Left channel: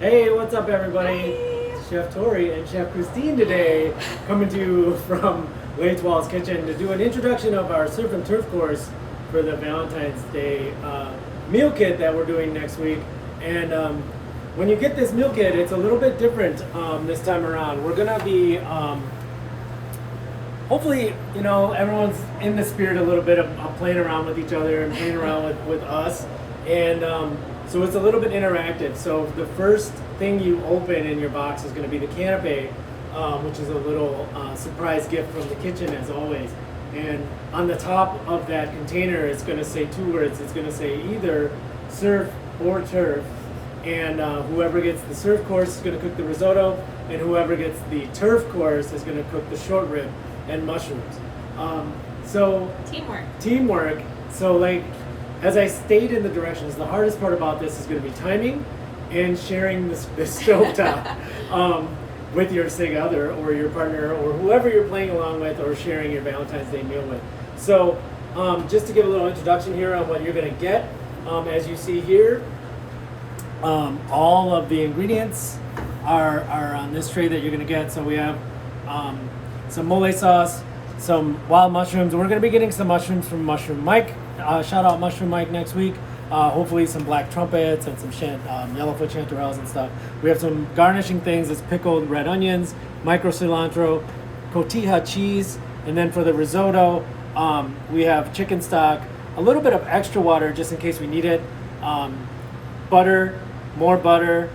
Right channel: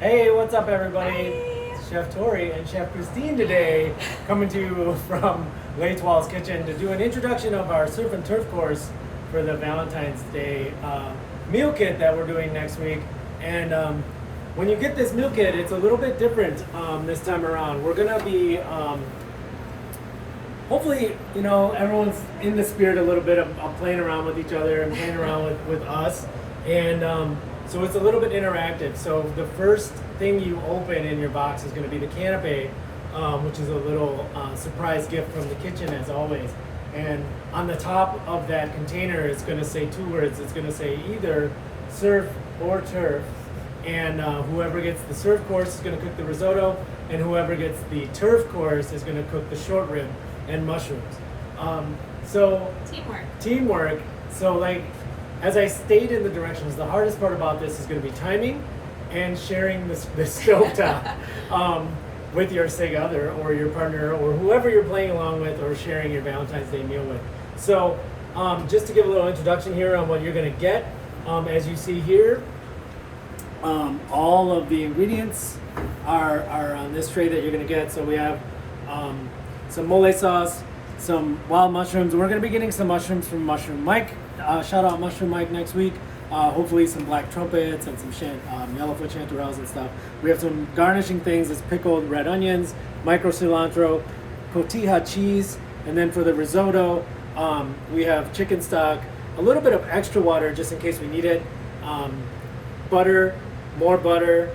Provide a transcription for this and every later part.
Hey, what's up, everybody? Hi. Chef Tori and Chef Christine today, coming to you from Leitwall's Kitchen to do an introduction of our surf and turf course for the Valentine's Day meal kit that we're doing next week. And when you get this meal kit, it's a little bit different this time around. We're gonna be hopefully, everyone's in the spirit a little bit of playing around with each other and playing around with us. And so it's a little bit interactive. So the first thing you open in your box is going to be the canapé, which is a little surprise gift from the kitchen, as always. And on the top of that container, it's going to say two words. It's going to say either surf or turf. And whoever gets the surf course is going to cook the risotto, and whoever gets the turf course is going to cook the short rib and mushrooms. So teamwork. So like, as I stayed in the directions, the hardest part about this is going to be timing and sharing this stovetop with your sig other or your partner or whoever you're playing along with or sharing your Valentine's Day meal with. So just to give a little introduction here on what you're going to get, as you see here, all of the ingredients are on this tray that you're going to get. So we have some mole sauce, some wild mushrooms. We're going to be getting some mushrooms from Mushroom Mike. Shout out Mushroom Mike next week. Hopefully some black trumpets and some yellowfoot chanterelles and stuff. We have some garnishing things. It's pickled red onions, micro cilantro, cotija cheese, and then for the risotto, we have chicken stock, a little bit of extra water just in case we need it, butter, more butter,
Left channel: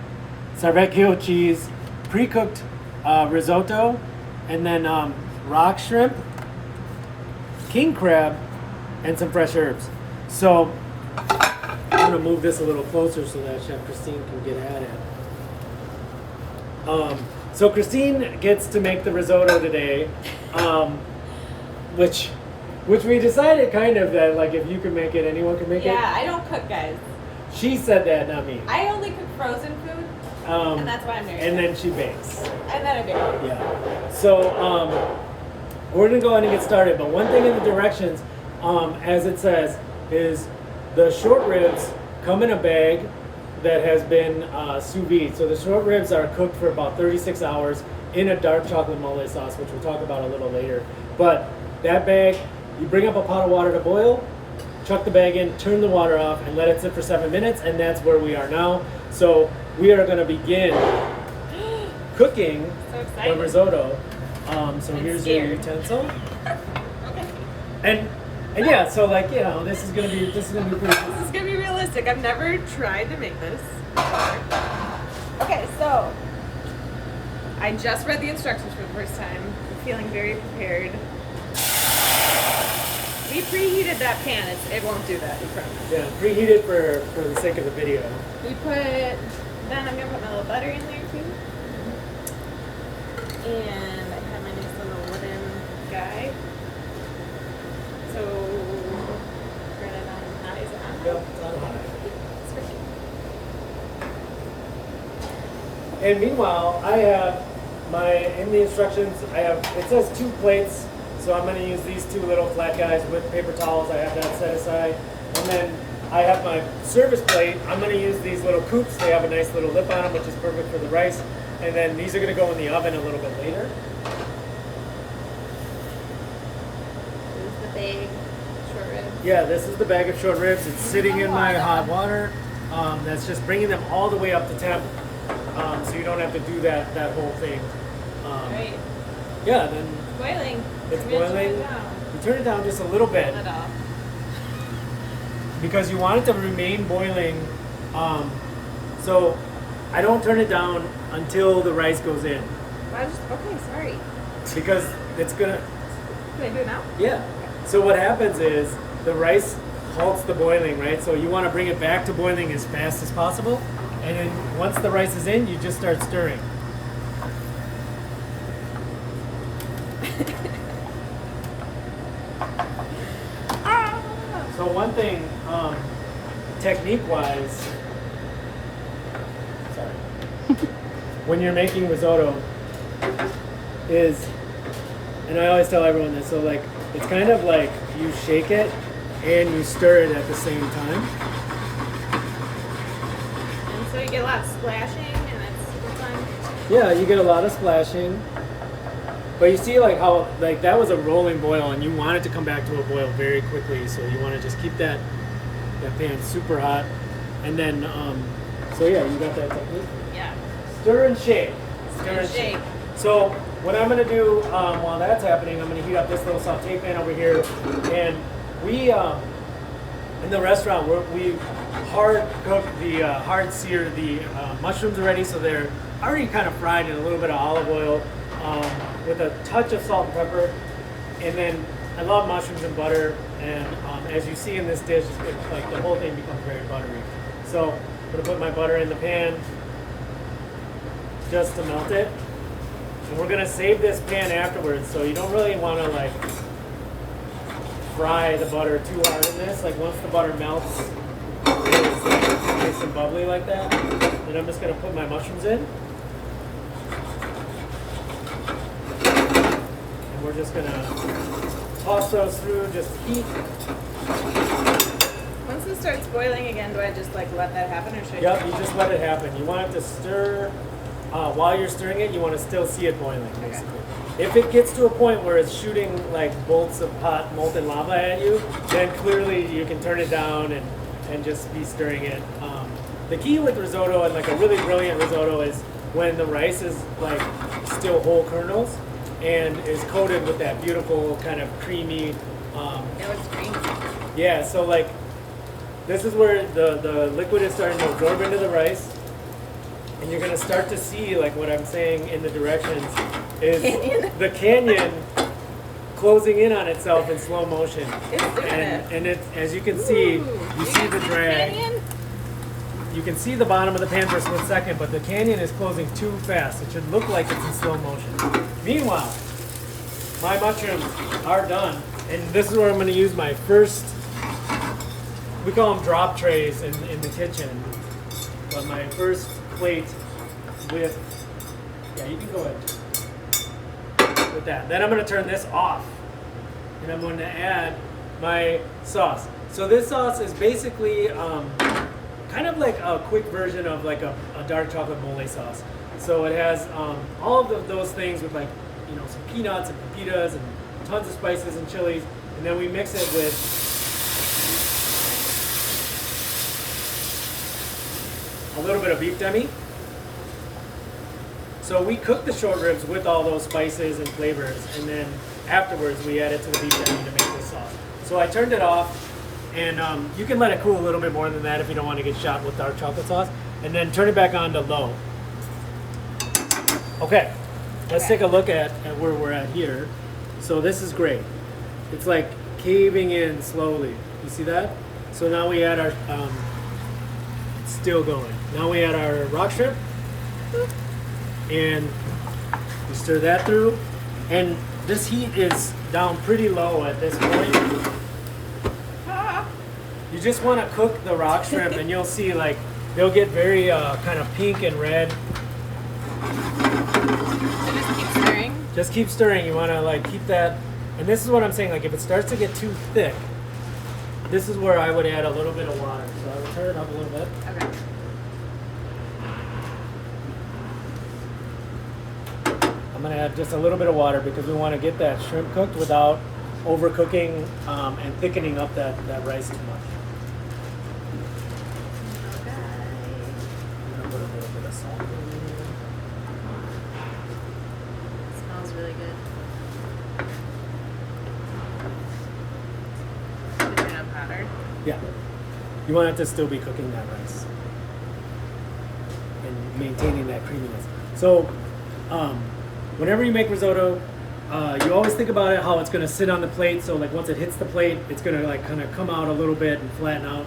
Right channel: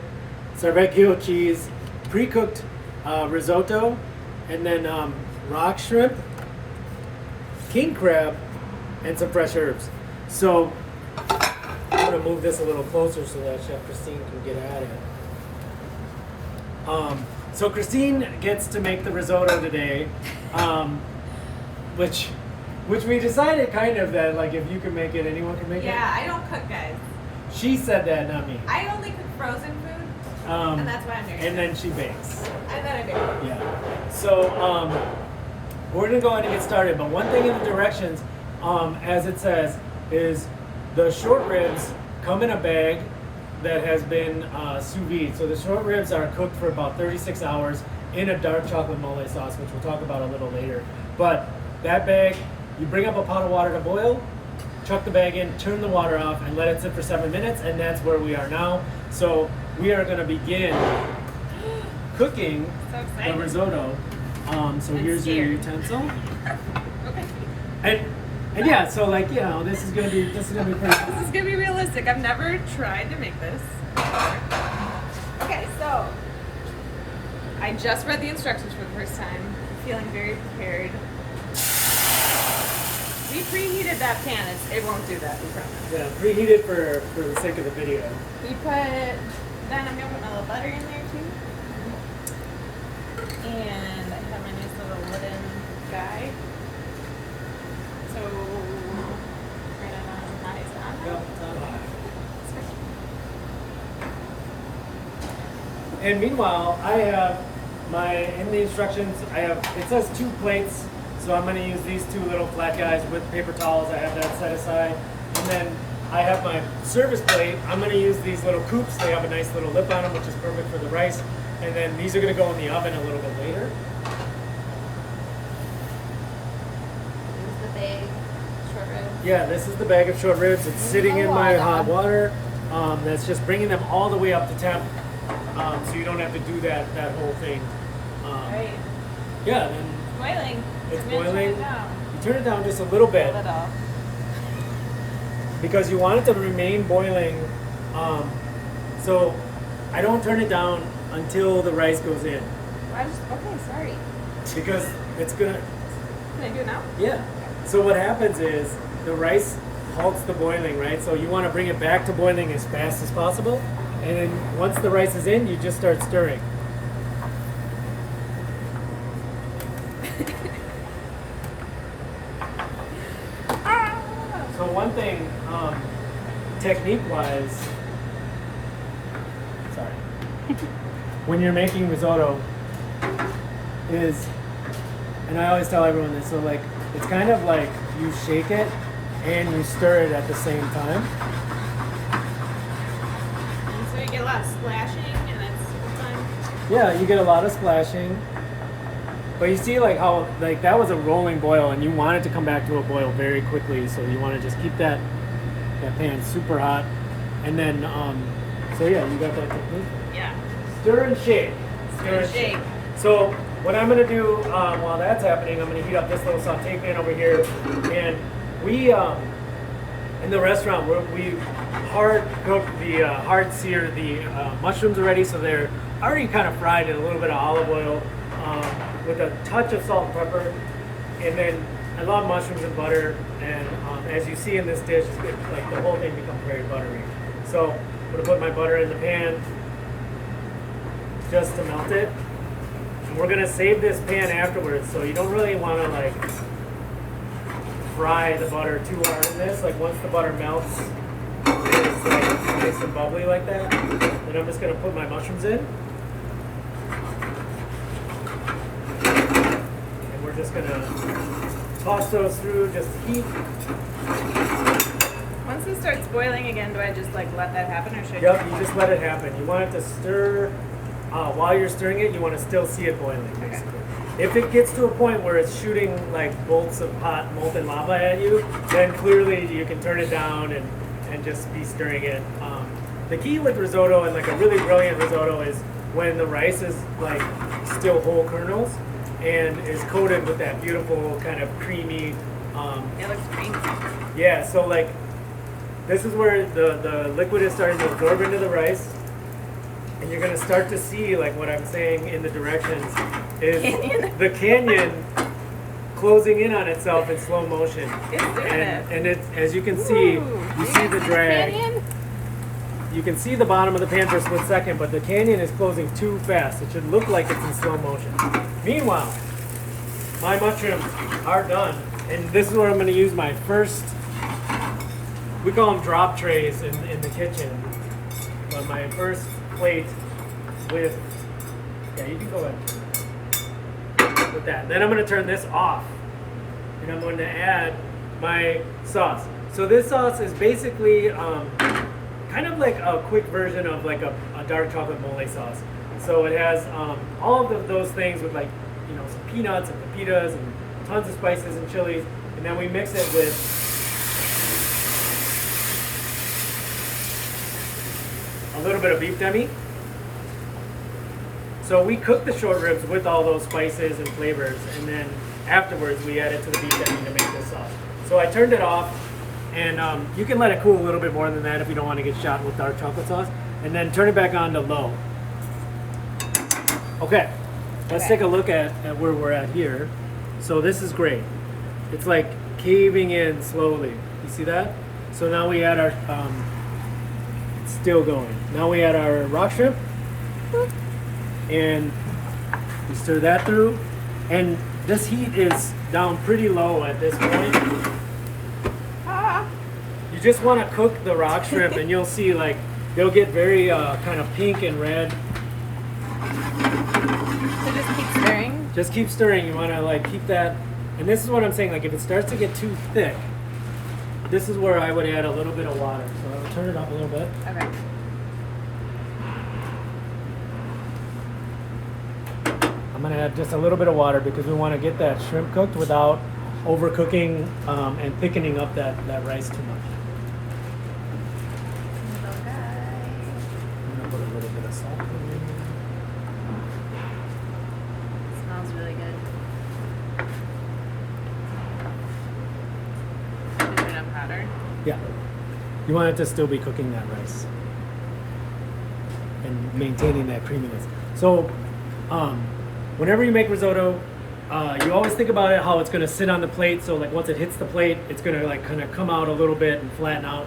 Sarvecchio cheese, pre-cooked risotto, and then rock shrimp, king crab, and some fresh herbs. So I'm gonna move this a little closer so that Chef Christine can get at it. So Christine gets to make the risotto today, which we decided kind of that like if you can make it, anyone can make it. Yeah, I don't cook, guys. She said that, not me. I only cook frozen food, and that's why I'm doing it. And then she bakes. And then I bake. Yeah. So we're gonna go ahead and get started. But one thing in the directions, as it says, is the short ribs come in a bag that has been sous vide. So the short ribs are cooked for about 36 hours in a dark chocolate mole sauce, which we'll talk about a little later. But that bag, you bring up a pot of water to boil, chuck the bag in, turn the water off, and let it sit for 7 minutes, and that's where we are now. So we are going to begin cooking the risotto. So here's your utensil. Okay. And yeah, so like, this is gonna be pretty. This is gonna be realistic. I've never tried to make this before. Okay, so I just read the instructions for the first time. I'm feeling very prepared. We preheated that pan. It won't do that, we promise. Yeah, preheat it for the sake of the video. Then I'm gonna put my little butter in there too. And I have my nice little wooden guy. So, turn it on high. Is it on high? Yep. And meanwhile, I have in the instructions, it says 2 plates, so I'm going to use these 2 little flat guys with paper towels. I have that set aside. And then I have my service plate. I'm going to use these little coupes. They have a nice little lip on them, which is perfect for the rice. And then these are going to go in the oven a little bit later. Yeah, this is the bag of short ribs. It's sitting in my hot water. That's just bringing them all the way up to temp, so you don't have to do that whole thing. Right. Yeah, then Boiling. it's boiling. Turn it down. You turn it down just a little bit Hold it off. because you want it to remain boiling. So I don't turn it down until the rice goes in Okay, sorry. because it's gonna. Can I do it now? Yeah. So what happens is the rice halts the boiling, right? So you want to bring it back to boiling as fast as possible. And then once the rice is in, you just start stirring. So one thing, technique-wise, sorry, when you're making risotto is, and I always tell everyone this, so like, it's kind of like you shake it and you stir it at the same time. And so you get a lot of splashing, and that's super fun. Yeah, you get a lot of splashing. But you see like how like that was a rolling boil and you want it to come back to a boil very quickly. So you want to just keep that pan super hot. And then, so yeah, you got that technique? Yeah. Stir and shake. Stir and shake. So what I'm gonna do while that's happening, I'm gonna heat up this little saute pan over here. And we, in the restaurant, we hard cook hard sear the mushrooms already. So they're already kind of fried in a little bit of olive oil. With a touch of salt and pepper, and then I love mushrooms and butter, and as you see in this dish, like the whole thing becomes very buttery. So I'm gonna put my butter in the pan just to melt it, and we're gonna save this pan afterwards. So you don't really want to like fry the butter too hard in this. Like once the butter melts, it's like nice and bubbly like that. Then I'm just gonna put my mushrooms in. We're just gonna toss those through, just heat. Once it starts boiling again, do I just like let that happen, or should Yep, you just let it happen. You want it to stir. While you're stirring it, you want to still see it boiling, basically. Okay. If it gets to a point where it's shooting like bolts of hot molten lava at you, then clearly you can turn it down and just be stirring it. The key with risotto, and like a really brilliant risotto, is when the rice is like still whole kernels and is coated with that beautiful kind of creamy. It looks creamy. Yeah, so like this is where the liquid is starting to absorb into the rice, and you're gonna start to see like what I'm saying in the directions is the canyon closing in on itself in slow motion. It's doing it. And it's, as you can see, you see the drag. Canyon? You can see the bottom of the pan for a split second, but the canyon is closing too fast. It should look like it's in slow motion. Meanwhile, my mushrooms are done, and this is where I'm going to use my first, we call them drop trays in the kitchen, but my first plate with, yeah, you can go ahead with that. Then I'm going to turn this off, and I'm going to add my sauce. So this sauce is basically kind of like a quick version of like a dark chocolate mole sauce. So it has all of those things with like, you know, some peanuts and pepitas and tons of spices and chilies, and then we mix it with a little bit of beef demi. So we cook the short ribs with all those spices and flavors, and then afterwards we add it to the beef demi to make this sauce. So I turned it off, and you can let it cool a little bit more than that if you don't want to get shot with dark chocolate sauce, and then turn it back on to low. Okay, let's take a look at where we're at here. So this is great. It's like caving in slowly. You see that? So now we add our, it's still going. Now we add our rock shrimp, and we stir that through. And this heat is down pretty low at this point. You just want to cook the rock shrimp, and you'll see like they'll get very kind of pink and red. Just keep stirring. Just keep stirring. You want to like keep that. And this is what I'm saying. Like if it starts to get too thick, this is where I would add a little bit of water. So I'll turn it up a little bit. Okay. I'm gonna add just a little bit of water because we want to get that shrimp cooked without overcooking and thickening up that rice too much. Smells really good. Should turn up hotter. Yeah. You want it to still be cooking that rice and maintaining that creaminess. So, whenever you make risotto, you always think about it how it's going to sit on the plate. So, like once it hits the plate, it's going to like kind of come out a little bit and flatten out.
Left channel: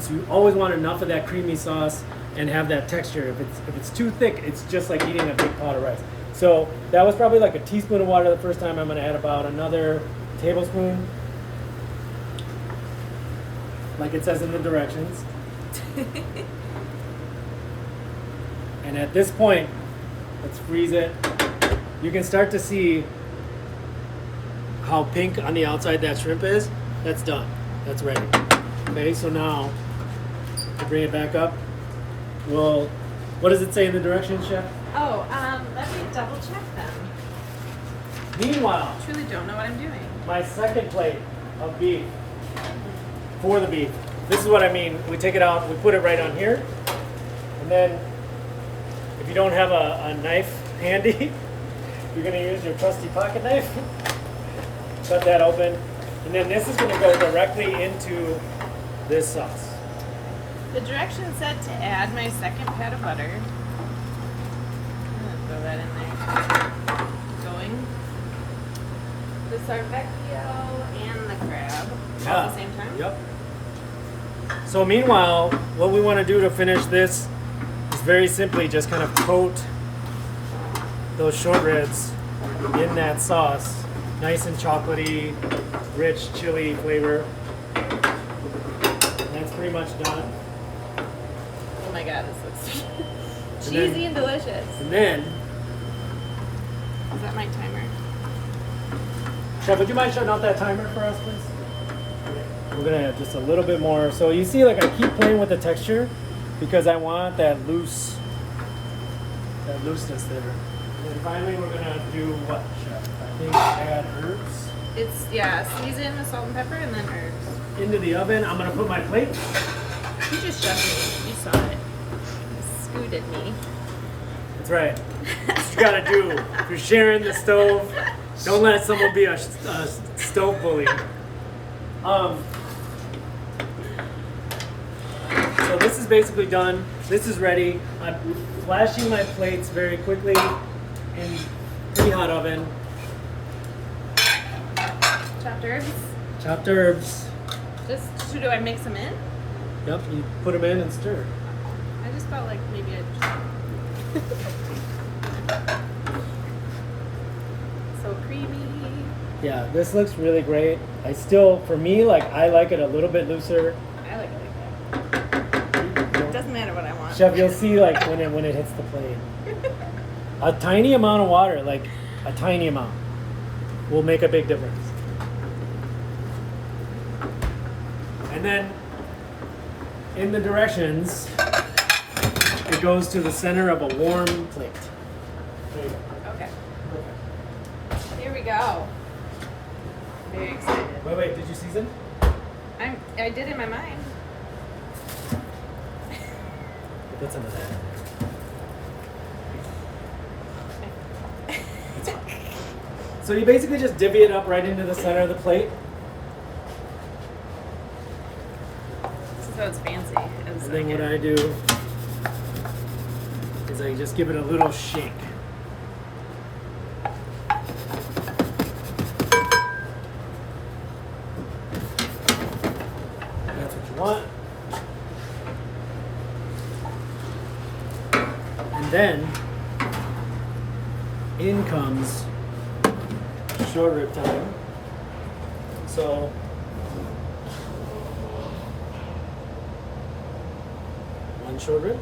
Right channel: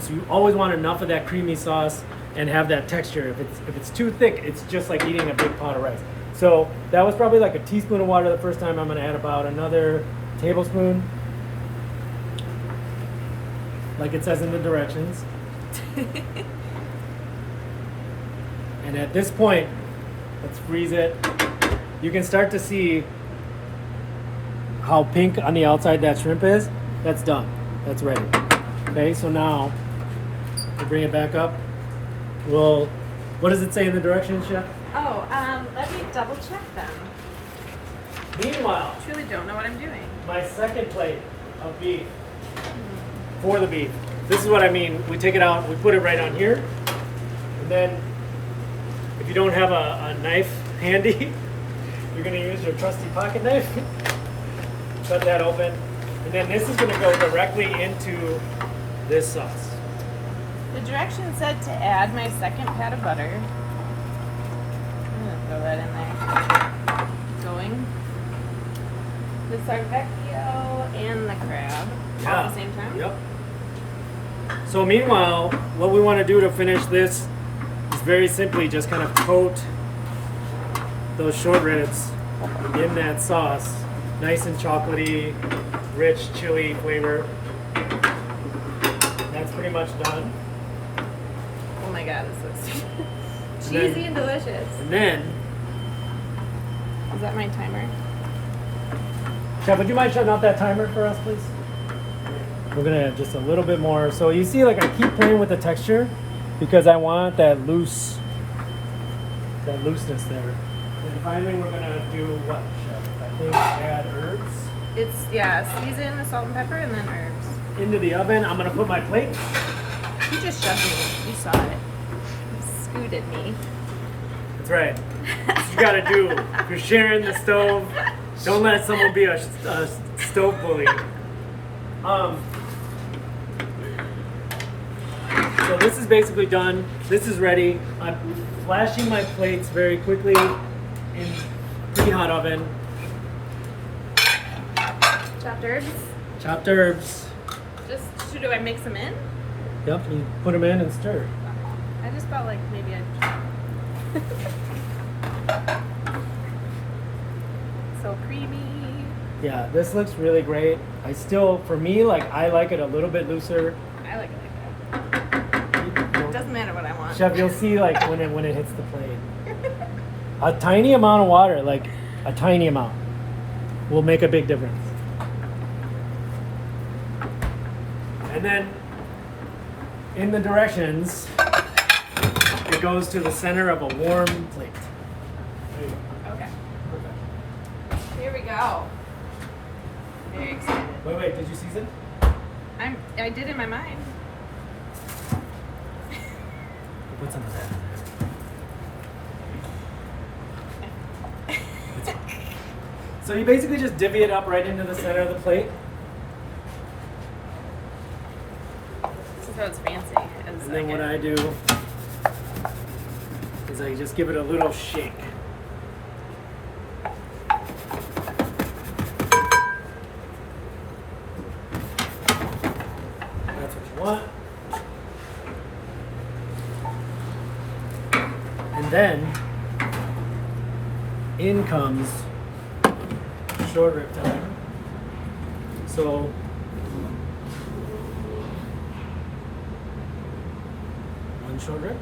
So you always want enough of that creamy sauce and have that texture. If it's too thick, it's just like eating a big pot of rice. So that was probably like a teaspoon of water the first time. I'm going to add about another tablespoon, like it says in the directions. And at this point, let's freeze it. You can start to see how pink on the outside that shrimp is. That's done. That's ready. Okay, so now I bring it back up. We'll What does it say in the directions, Chef? Oh, let me double check them. Meanwhile, I truly don't know what I'm doing. my second plate of beef for the beef. This is what I mean. We take it out, we put it right on here, and then if you don't have a knife handy, you're gonna use your trusty pocket knife. Cut that open, and then this is gonna go directly into this sauce. The directions said to add my second pat of butter. I'm gonna throw that in there. Going. The sarvecchio and the crab all at the same time. Yep. So meanwhile, what we want to do to finish this is very simply just kind of coat those short ribs in that sauce. Nice and chocolatey, rich chili flavor. That's pretty much done. Oh my god, this looks And then- cheesy and delicious. And then, Is that my timer? Chef, would you mind shutting off that timer for us, please? We're gonna add just a little bit more. So you see, like I keep playing with the texture because I want that looseness there. And finally, we're gonna do what, Chef? I think add herbs It's, season with salt and pepper and then herbs. into the oven. I'm gonna put my plate. You just shoved me. You saw it. You scooted me. That's right. That's what you gotta do. If you're sharing the stove, don't let someone be a stove bully. So this is basically done. This is ready. I'm flashing my plates very quickly in pretty hot oven. Chopped herbs. Chopped herbs. Just, do I mix them in? Yep, you put them in and stir. I just felt like maybe I so creamy. Yeah, this looks really great. I still, for me, like I like it a little bit looser. I like it like that. It doesn't matter what I want. Chef, you'll see like when it hits the plate. A tiny amount of water, like a tiny amount, will make a big difference. And then in the directions, it goes to the center of a warm plate. There you go. Okay. Here we go. Very excited. Wait, did you season? I did in my mind. Put some of that in there. So you basically just divvy it up right into the center of the plate. This is how it's fancy. And then what I do is I just give it a little shake. That's what you want. And then in comes short rib time. So one short rib.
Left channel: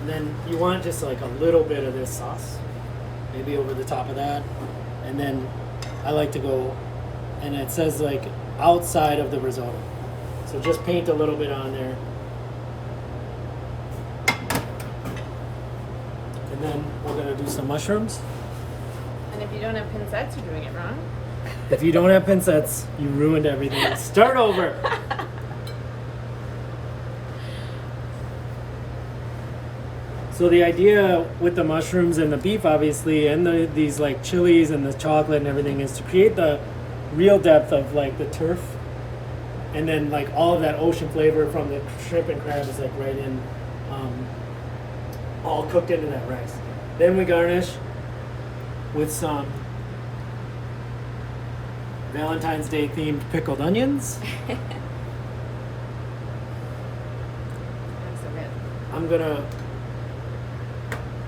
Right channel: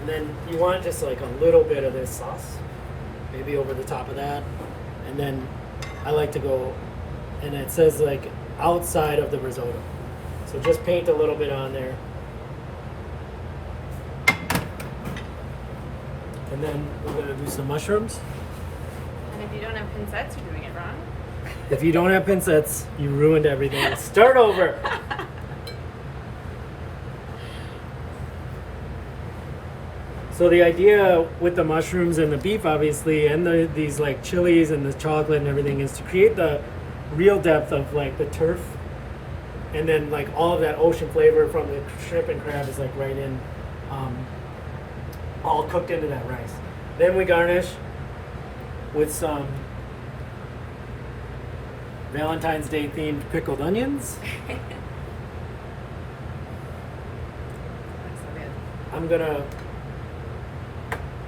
And then you want just like a little bit of this sauce, maybe over the top of that. And then I like to go, and it says like outside of the risotto. So just paint a little bit on there. And then we're gonna do some mushrooms. And if you don't have pincettes, you're doing it wrong. If you don't have pincettes, you ruined everything. Start over. So the idea with the mushrooms and the beef, obviously, and these like chilies and the chocolate and everything, is to create the real depth of like the turf, and then like all of that ocean flavor from the shrimp and crab is like right in, all cooked into that rice. Then we garnish with some Valentine's Day themed pickled onions. Looks so good. I'm gonna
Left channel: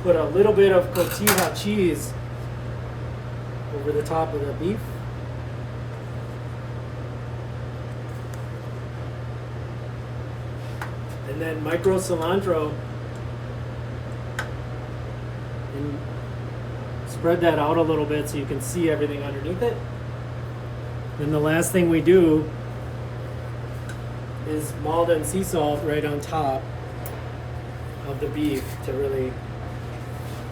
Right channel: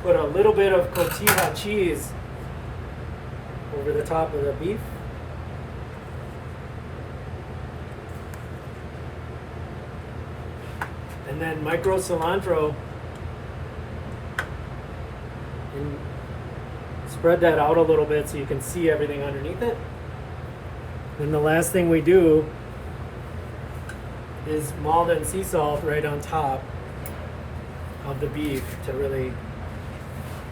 put a little bit of cotija cheese over the top of the beef. And then micro cilantro. And spread that out a little bit so you can see everything underneath it. Then the last thing we do is Malden sea salt right on top of the beef to really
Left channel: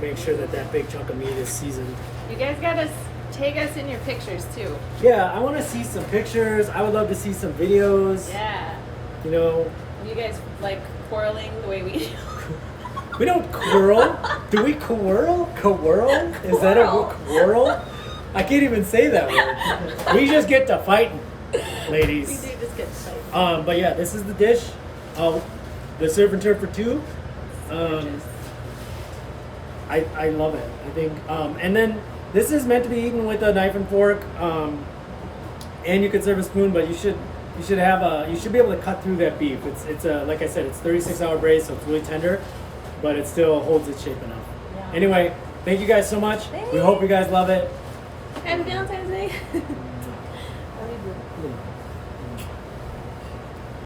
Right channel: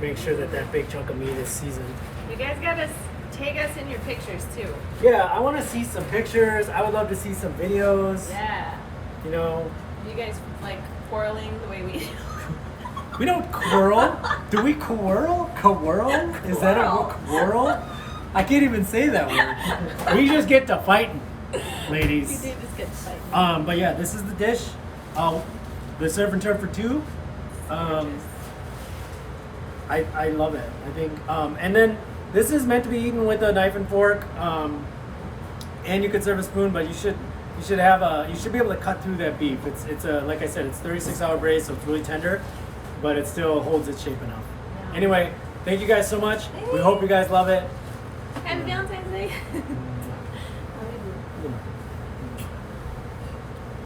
make sure that that big chunk of meat is seasoned. You guys gotta tag us in your pictures too. Yeah, I want to see some pictures. I would love to see some videos. Yeah. You know, You guys like quarreling the way we do. we don't quarrel. Do we quarrel? Quarrel? Is that a word? Quarrel? I can't even say that word. We just get to fighting, We ladies. do just get fight. But yeah, this is the dish. The surf and turf for two. I love it. I think, and then this is meant to be eaten with a knife and fork, and you could serve a spoon, but you should be able to cut through that beef. It's like I said, it's 36-hour braised, so it's really tender, but it still holds its shape enough. Yeah. Anyway, thank you guys so much. We hope you guys love it. Happy Valentine's Day.